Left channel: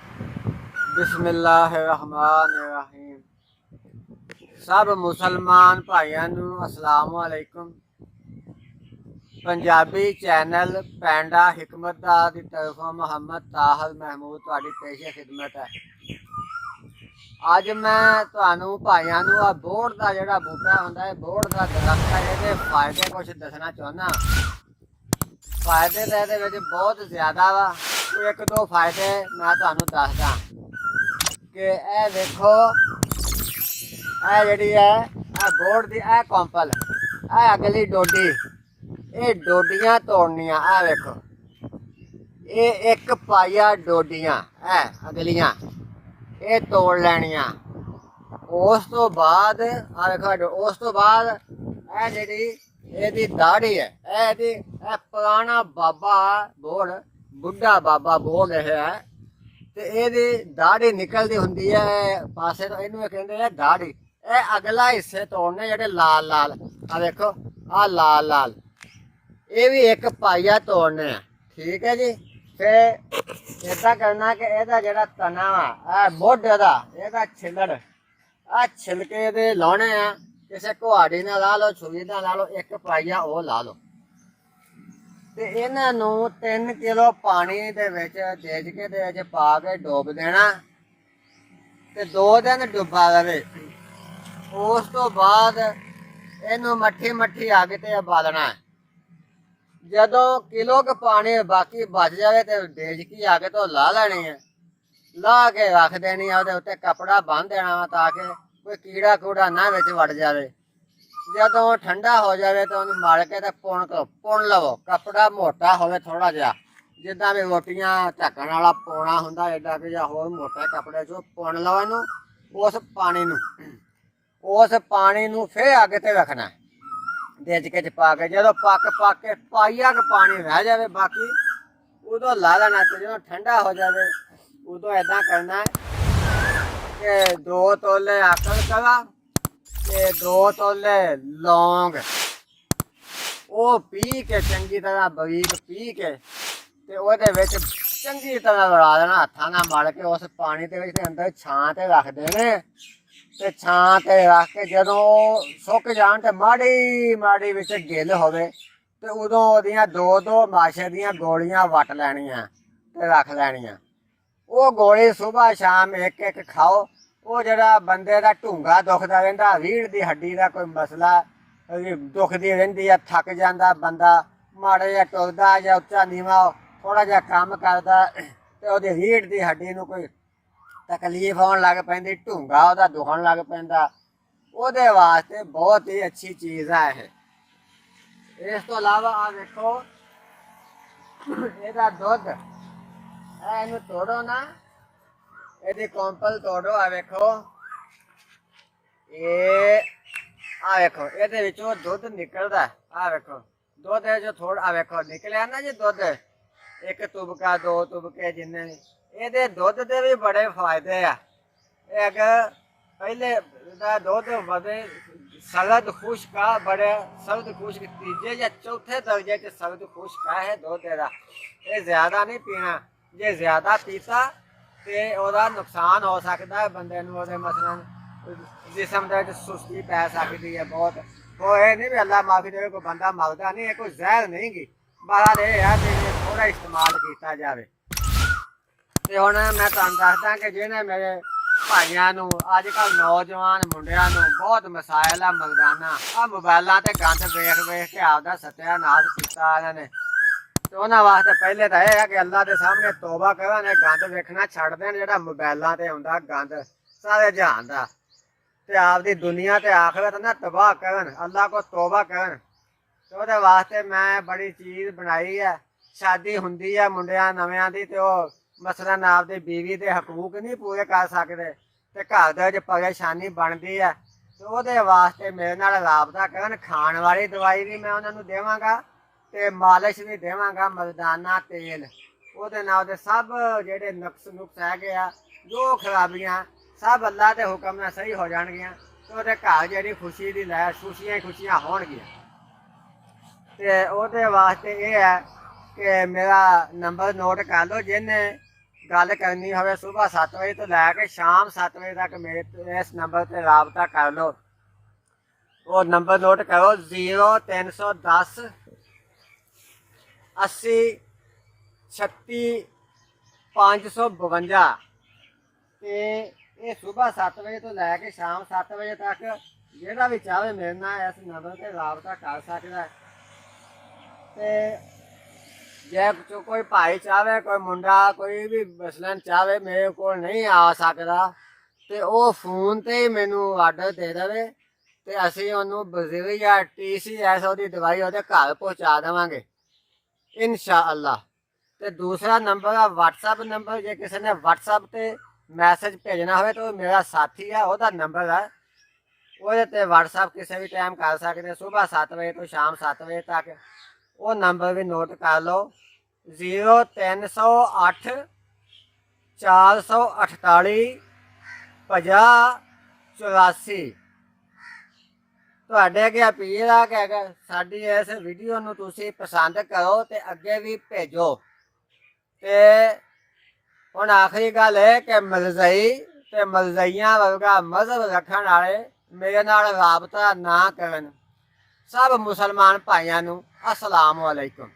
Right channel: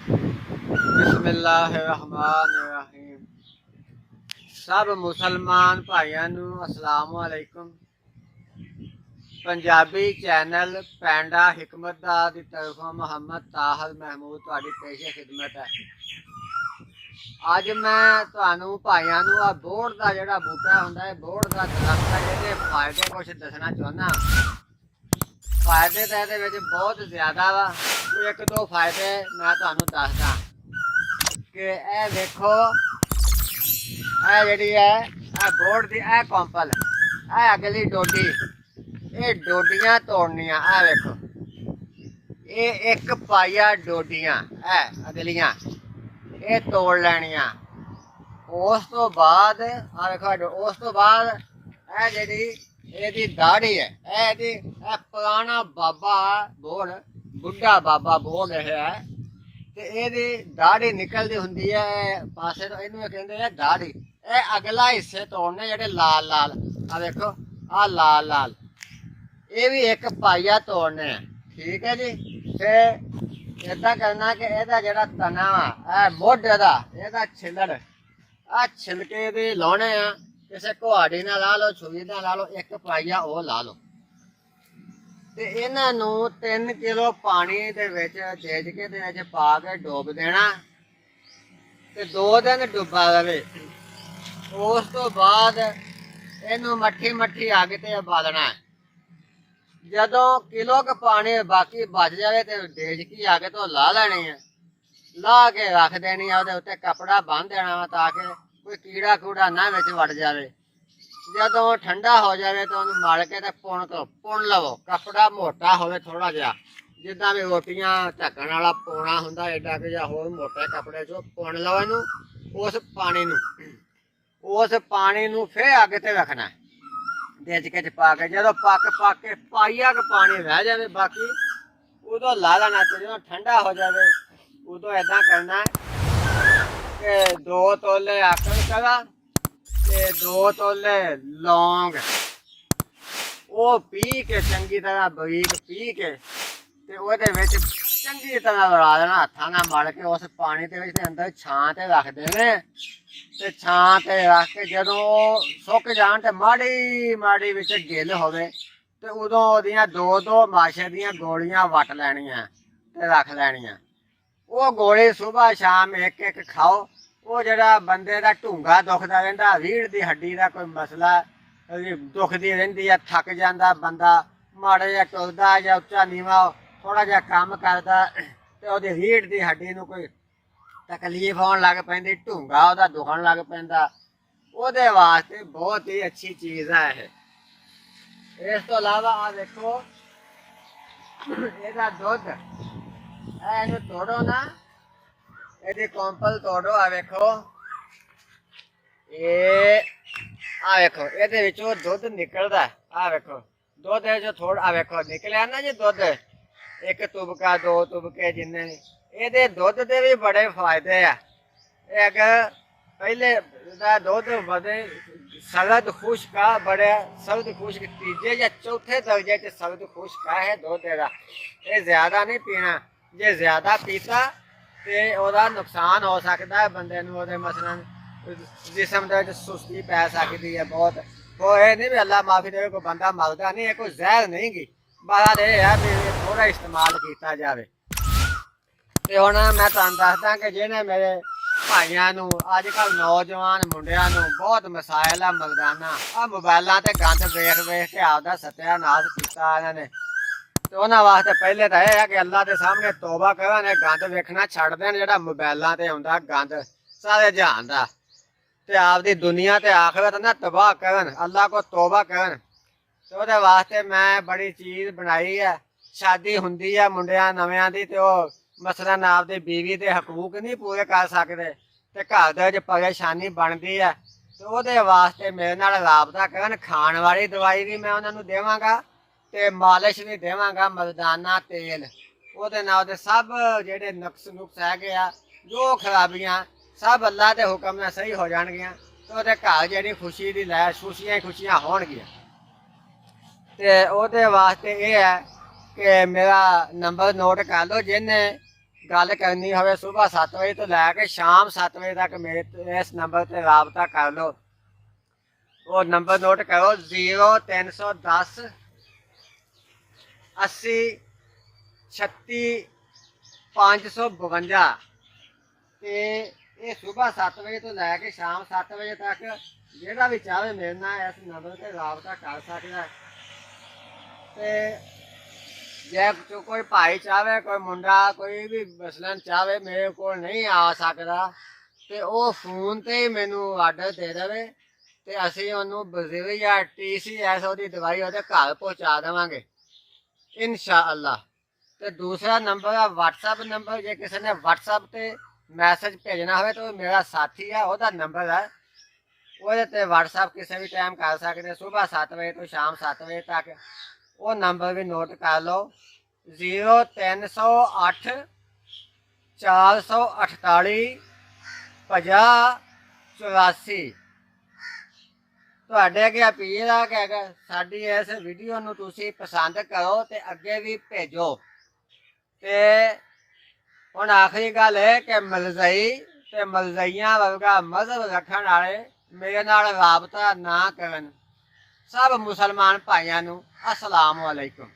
बिस्मिल्लाहिर्रहमानिर्रहीम। सब मुसलमान भाइयों नू अस्सलाम वालेकुम। पंजाबी चैनल पैंडा हिकमतदार की तरफों मुहम्मद ताहल महमूद तुहाडी पेशे खिदमत है। अज मैं तुहानू भाइयों नू बोड़ का जिहड़ा बूटा हुंदा है, बोड़ का दरख्त है, इहदे फायदे कुछ दसना चाहुंदा। फायदे तो ये बहुत ज़्यादा वा। एक दो फायदे मैं तुहानू दसदा कि ए देखो, ए जिहड़ी है बोड़ दी ए कौंपल, ए अगली डोडी, ये डोडियां तोड़नियां। ए देखो, ये एक पाइया डोडियां है अगलियां, ये तोड़ लैनियां। उस तो बाद उस तो बाद जिहड़ी ਇਹਦੀ ਦਾੜੀ ਹੈ, ਇਹ ਪੁਰਾਣਾ ਬਾਬਾ ਬੋਲ, ਬੁੱਢਾ ਬਾਬਾ ਬੋਲ ਰਿਹਾ ਹੈ, ਤੇ ਇਹਦੀ ਦਾੜੀ ਨਿਕਲਦੀ ਹੁੰਦੀ ਹੈ ਪਾਸੇ ਤੋਂ, ਇਹਨੂੰ ਕਹਿੰਦੇ ਆ ਦਾੜੀ। ਇਹ ਅਗਲਾ ਹਿੱਸੇ ਤੋੜਨੇ ਜਿਹੜੇ ਲਾਲ ਲਾਲ, ਆ ਦੇਖੋ ਆ ਲਾਲ ਲਾਲ, ਇਹ ਵੀ ਇੱਕ ਪਾਈਆ ਤੋੜਨੇ ਆ। ਠੀਕ ਹੈ ਜੀ। ਫਿਰ ਇਦਾਂ ਕਰਨਾ ਕਿ ਇਹਦਾ ਜਿਹੜਾ ਤਨਾ ਵਾ, ਇਹ ਮੋਢੇ ਦਾ ਇਹਦਾ ਛਿੱਲੜ, ਆ ਛਿਲਕੇ ਇਹਦੇ ਲਾਉਣੇ ਆ। ਕਿਸੇ ਕੁਹਾੜੀ ਨਾਲ ਲਾ ਲਓ, ਛੁਰੀ ਨਾਲ ਲਾ ਲਓ, ਇੱਕ ਪਾਈਆ ਉਹ ਲਾ ਲਓ, ਤੇ ਇਹਨਾਂ ਨੂੰ 3 ਕਿਲੋ ਪਾਣੀ ਦੇ ਵਿੱਚ ਦੇਜਕੇ ਦੇ ਵਿੱਚ ਪਾ ਕੇ ਡੋਬ ਦੇਣਾ, ਤੇ 2 ਦਿਨ ਡੁੱਬਾ ਰਵੇ। ਉਸ ਤੋਂ ਬਾਅਦ ਇਹਨੂੰ ਮੱਠੀ ਮੱਠੀ ਅੱਗ ਤੇ ਉਬਾਲਣਾ। ਜਦੋਂ ਕਿਲੋ ਕੁ ਪਾਣੀ ਬਾਕੀ ਬਚ ਜਾਵੇ ਤੇ ਦੇਜਕੀ ਅੱਗ ਤੋਂ ਲਾ ਲੈਣੀ ਹੈ, ਲਾ ਕੇ ਰੱਖ ਦੇਣੀ ਆ। ਉਹਦੇ ਉੱਤੇ ਕੱਪੜਾ ਬੰਨ੍ਹ ਦੇਣਾ ਵਾ ਤਾਂ ਕਿ ਕੋਈ ਕੀੜਾ ਕੂੜਾ ਨਾ ਵਿੱਚ ਵੜ ਜਾਵੇ। ਜਦੋਂ ਠੰਡਾ ਹੋ ਜਾਵੇ ਤਾਂ ਉਹਨੂੰ ਮਲ ਕੇ ਤੇ ਪੁਣ ਲਵੋ। ਕੱਪੜਾ ਮੋਟਾ ਹੋਵੇ ਥੋੜਾ ਜਿਹਾ, ਜਿੱਦਾਂ ਵੀ ਰੋਟੀਆਂ ਢੱਕਣ ਵਾਲਾ ਪੋਣਾ ਹੁੰਦਾ, ਏਡਾ ਕਿ ਜਾਂ ਹੋਰ ਮੋਟੇ ਕੱਪੜੇ 'ਚੋਂ ਪੁਣ ਲਓ ਇਹਨੂੰ। ਉਸ ਪਾਣੀ ਨੂੰ ਫਿਰ ਅੱਗ ਤੇ ਰੱਖਣਾ ਦੇਜਕੇ 'ਚ ਪਾ ਕੇ। ਜਦੋਂ ਪੱਕ ਕੇ ਪਾਈਆ ਕੁ ਪਾਣੀ ਰਹਿ ਜਾਵੇ ਬਾਕੀ, ਉਦੋਂ ਲਾ ਲੈਣਾ। ਤੇ ਜਦੋਂ ਠੰਡਾ ਹੋ ਜਾਵੇ ਉਦੋਂ ਏਦਾਂ ਕਰਨਾ ਕਿ 2 ਤੋਲੇ ਆਕੜ ਕਰਾ ਤੇ 2 ਤੋਲੇ ਲੌਂਗ, ਉਹ ਪੀ ਕੇ ਚੰਗੀ ਤਰ੍ਹਾਂ ਬਰੀਕ ਪੀ ਕੇ, ਤੇ ਉਹਦੇ ਵਿੱਚ ਚੰਗੀ ਤਰ੍ਹਾਂ ਰਲਾ ਦੇਣਾ ਹੱਥਾਂ ਨਾਲ ਮਲ ਕੇ। ਉਸ ਪਾਣੀ ਦੇ ਵਿੱਚ ਅੰਦਰ ਛਾਂ ਤੇ ਰੱਖ ਦੇਣੇ, ਤੇ ਛਾਂ ਤੇ ਰੱਖ ਕੇ ਜਦੋਂ ਸੁੱਕ ਜਾਣ ਤੇ ਮਾੜੀ ਮਾੜੀ ਵਿੱਚ ਗਿੱਲ ਹੋਵੇ, ਤੇ ਉਦੋਂ ਉਹਦੀਆਂ 2-2 ਮਾਸ਼ੇ ਦੀਆਂ ਗੋਲੀਆਂ ਵੱਟ ਲੈਣੀਆਂ ਤੇ ਰੱਖ ਲੈਣੀਆਂ। ਉਹ ਗੋਲੀ ਸੁਬਾਹ ਸ਼ਾਮ ਇੱਕ ਇੱਕ ਖਾਓ। ਉਹ ਜਿਹੜਾ ਬੰਦੇ ਦਾ ਢੂੰਗਾ ਦੁਖਦਾ ਰਹਿੰਦਾ, ਰੀੜ੍ਹ ਦੀ ਹੱਡੀ ਦਾ ਕੋਈ ਮਸਲਾ ਦੁਖਦੀ ਰਹਿੰਦੀ ਆ, ਥੱਕ ਜਾਂਦਾ ਬੰਦਾ, ਮਾੜਾ ਜਿਹਾ ਟੁਰਦਾ ਜਾਂ ਉੱਚਾ ਨੀਵਾਂ ਥੋੜਾ ਜਿਹਾ ਕੰਮ ਕਰਦਾ, ਤੇ ਉਹਦੀ ਰੀੜ੍ਹ ਦੀ ਹੱਡੀ ਨੂੰ ਕੋਈ ਤਕਲੀਫ ਹੋਣ ਲੱਗ ਪੈਂਦੀ, ਢੂੰਗਾ ਉਹਦਾ ਦੁਖਣ ਲੱਗ ਪੈਂਦਾ, ਉਹਦੇ ਵਾਸਤੇ ਬਹੁਤ ਹੀ ਅੱਛੀ ਚੀਜ਼ ਹੈ ਇਹ। ਇਸ ਤੋਂ ਇਲਾਵਾ ਆ ਦੇਖੋ, ਇਹਦਾ ਦੁੱਧ, ਇਹਨੂੰ ਤੋੜੋ ਨਾ, ਇਹਦੀ ਕੌਂਪਲ ਤੋੜੋ। ਆ ਵੇਖੋ, ਆ ਵੇਖੋ ਇਹਦੇ ਵਿੱਚੋਂ ਦੁੱਧ ਨਿਕਲਦਾ। ਆ ਵੇਖੋ ਦੁੱਧ ਜੋ ਥੋੜਾ, ਆ ਵੇਖੋ ਨਿਕਲਿਆ ਨਾ ਜੀ ਦੁੱਧ, 1 ਤੁਬਕਾ 2 ਤੁਬਕੇ ਜਿੰਨੇ। ਇਹਦੇ ਦੁੱਧ ਦੇ ਵੀ ਬੜੇ ਫਾਇਦੇ ਆ। ਇੱਕ ਪਹਿਲੇ ਦਾ ਦੁੱਧ ਵਧੇ ਸਰਦ ਖੁਸ਼ਕ ਆ, ਬੜੇ ਸਰਦ ਖੁਸ਼ਕ, ਤੀਜੇ ਜਾਂ ਚੌਥੇ ਦਰਜੇ 'ਚ ਸਰਦ ਖੁਸ਼ਕ ਹੈ ਦੁੱਧ ਇਹਦਾ। ਇਹ ਜ਼ਿਆਦਾ ਨਹੀਂ ਪੀਣਾ, ਜੇ ਜ਼ਿਆਦਾ ਪੀਤਾ ਤੇ ਉਹਦਾ ਨੁਕਸਾਨ ਹੋ ਸਕਦਾ ਬੰਦੇ ਨੂੰ। ਉਹਦੇ ਮਸਲਨ ਜਿਸਮ ਦੇ ਵਿੱਚ ਸੁਸਤੀ ਪੈ ਸਕਦੀ ਹੈ ਬਹੁਤ। ਉਹ ਇਹ ਨਹੀਂ ਵੀ ਅੱਲਾ ਮਾਫੀ ਦੇਵੇ ਕੋਈ ਬੰਦਾ ਮਰਦਾ ਨਹੀਂ, ਇਹ ਕੋਈ ਜ਼ਹਿਰ ਨਹੀਂ ਗੀ, ਬਾਹਰ ਇਹ ਆ ਵੀ ਥੋੜਾ ਇਸਤੇਮਾਲ ਕੀਤਾ ਜਾਵੇ। ਤੇ ਹੁਣ ਮੈਂ ਤੁਹਾਨੂੰ ਦੱਸਦਾ ਕਿ ਜਿਹਨੇ ਮੇਰੇ ਭਾਈਆਂ ਨੂੰ, ਅੱਜ ਕੱਲ੍ਹ ਨੌਜਵਾਨ ਮੁੰਡਿਆਂ ਨੂੰ ਬਹੁਤ ਮਸਾਇਲ ਆ ਮਰਦਾਨਾ, ਆ ਮੋਬਾਇਲਾਂ ਤੇ ਗੰਦ ਵੇਖ ਵੇਖ ਕੇ ਆਪਦਾ ਸਤਿਆਨਾਸ਼ ਕੀਤਾ ਇਹਨਾਂ ਨੇ। ਤੇ ਉਹਨਾਂ ਵਾਸਤੇ ਪਹਿਲੇ ਤਾਂ ਇਹ ਹੈ ਕਿ ਅੱਲਾ ਦੇ ਸਾਹਮਣੇ ਤੋਬਾ ਕਰਨ, ਇਹ ਗੰਦ ਵੇਖਣਾ ਛੱਡ ਦੇਣ ਜਿਹੜਾ ਮੋਬਾਇਲਾਂ ਤੇ ਆਉਂਦਾ ਗੰਦ ਸਾਰੇ ਜਹਾਨ ਦਾ, ਤੇ ਆਪਦੀ ਦੁਨੀਆ ਤੇ ਆਖਰਤ ਨਾ ਤਬਾਹ ਕਰਨ, ਅੱਲਾ ਕੋ ਤੋਬਾ ਕਰਨ। ਤੇ ਉਹਦੇ ਵਾਸਤੇ ਮੈਂ ਬੜੀ ਚੀਜ਼ ਬਣਾਈ ਹੈ। ਸ਼ਾਦੀ ਹੁੰਦੀ ਹੈ ਮੁੰਡਿਆਂ ਨਵਿਆਂ ਦੀ, ਤੇ ਉਹ ਮਸਲਨ ਆਪਦੀ ਬੀਵੀ ਦੇ ਹਕੂਕ ਨਹੀਂ ਪੂਰੇ ਕਰ ਸਕਦੇ, ਤੇ ਘਰ ਦੇ ਵਿੱਚ ਪਰੇਸ਼ਾਨੀ ਬਣਦੀ ਹੈ, ਤੇ ਉਹਦੇ ਵਾਸਤੇ ਮੇਰੇ ਨਾਲ ਰਾਬਤਾ ਕਰਨ। ਖਾਣ ਵਾਲੀ ਦਵਾਈ ਵੀ ਮੈਂ ਉਹਨਾਂ ਨੂੰ ਦੇਵਾਂਗਾ, ਤੇ ਮਾਲਿਸ਼ ਵੀ ਦੇਵਾਂਗਾ, ਮਰਦਾਨਾ ਤੇਲ। ਉਹਦੇ ਨਾਲ ਉਹਦੇ ਸਭ ਜਿਹੜੇ ਨੁਕਸ ਹੈਗੇ ਆ, ਜੋ ਖਰਾਬੀਆਂ, ਸਭ ਅੱਲਾ ਦੇ ਹੁਕਮ ਨਾਲ ਸਹੀ ਹੋ ਜਾਣਗੀਆਂ, ਤੇ ਉਹਦੇ ਘਰ ਜਿਹੜੀ ਖੁਸ਼ੀ ਦੀ ਲੈ ਖੁਸ਼ੀਆਂ ਹੀ ਖੁਸ਼ੀਆਂ ਹੋਣਗੀਆਂ। ਤੇ ਉਹਦੇ ਵਾਸਤੇ ਇਹ ਹੈ ਕਿ ਮੇਰਾ ਨੰਬਰ ਨੋਟ ਕਰ ਲਓ, ਜਿਹਨੇ ਗੱਲ ਕਰਨੀ ਹੋਵੇ ਸਵੇਰ 7 ਵਜੇ ਤੋਂ ਲੈ ਕੇ ਸ਼ਾਮ 7 ਵਜੇ ਤੱਕ ਮੇਰੇ ਤੋਂ ਇਸ ਨੰਬਰ ਤੇ ਰਾਬਤਾ ਕਰ ਲਓ। ਉਹ ਨੰਬਰ ਨੋਟ ਕਰੋ 0310 80 36 552 ਤੇ ਇਹ ਸਵੇਰ 7 ਵਜੇ ਤੋਂ ਲੈ ਕੇ ਸ਼ਾਮ 7 ਵਜੇ ਤੱਕ ਜਿਹੜਾ ਵੀ ਚਾਹੇ ਮੇਰੇ ਨਾਲ ਇਸ ਨੰਬਰ ਤੇ ਰਾਬਤਾ ਕਰ ਸਕਦਾ। ਤੇ ਜੇ ਕੋਈ ਭਾਈ ਚਾਹੇ, ਕੋਈ ਮੁੰਡਾ, ਕੋਈ ਵੀ ਮਸਲਨ ਚਾਹੇ ਮੇਰੇ ਕੋਲ ਨਹੀਂ ਆ ਸਕਦਾ ਤੇ ਉਹ ਫੋਨ ਤੇ ਹੀ ਮੈਨੂੰ ਆਰਡਰ ਦੇ ਦੇਵੇ ਤੇ ਅਸੀਂ ਉਹਨੂੰ ਬਜ਼ੀਰ ਜਾਂ TCS ਉਹਦੀ ਦਵਾਈ ਉਹਦੇ ਘਰ ਪਹੁੰਚਾ ਦੇਵਾਂਗੇ ਇਨਸ਼ਾ ਅੱਲਾ। ਤੇ ਦੂਸਰਾ ਨੰਬਰ ਹੈ WhatsApp ਨੰਬਰ। ਜੇ ਕਿਸੇ ਨੇ WhatsApp ਤੇ ਮੈਸੇਜ ਭੇਜਣਾ ਹੋਵੇ ਤਾਂ ਮੇਰਾ ਸਾਥੀ ਹੈ, ਉਹਦਾ ਨੰਬਰ ਹੈ, ਉਹਦੇ ਤੇ WhatsApp ਕਿਸੇ ਵੀ ਟਾਈਮ ਕਰ ਸਕਦੇ, ਸਵੇਰ 7 ਵਜੇ ਤੋਂ ਸ਼ਾਮ 7 ਵਜੇ ਤੱਕ। ਉਹ ਨੰਬਰ ਵੀ ਨੋਟ ਕਰ ਲਓ 0308 448 5084। ਤੁਹਾਡੇ ਅੱਗੇ ਅਪੀਲ ਆ ਕਿ ਸਾਡੀ ਇਸ ਵੀਡੀਓ ਨੂੰ ਤੁਸੀਂ ਪਸੰਦ ਕਰੋ ਤੇ ਅੱਗੇ ਵੀ ਭੇਜੋ। ਤੇ ਹੁਣ ਆਖਰੀ ਗੱਲ ਹੈ ਕਿ ਮਲਜ਼ਈ ਤੇ ਮਲਜ਼ਈਆਂ ਵਰਗਾ ਮਜ਼ਹਬ ਰੱਖਣ ਵਾਲੇ ਮੇਰੇ ਨਾਲ ਰਾਬਤਾ ਨਾ ਕਰਨ। ਸਭ ਮੁਸਲਮਾਨ ਭਾਈਆਂ ਨੂੰ अस्सलाम वालेकुम।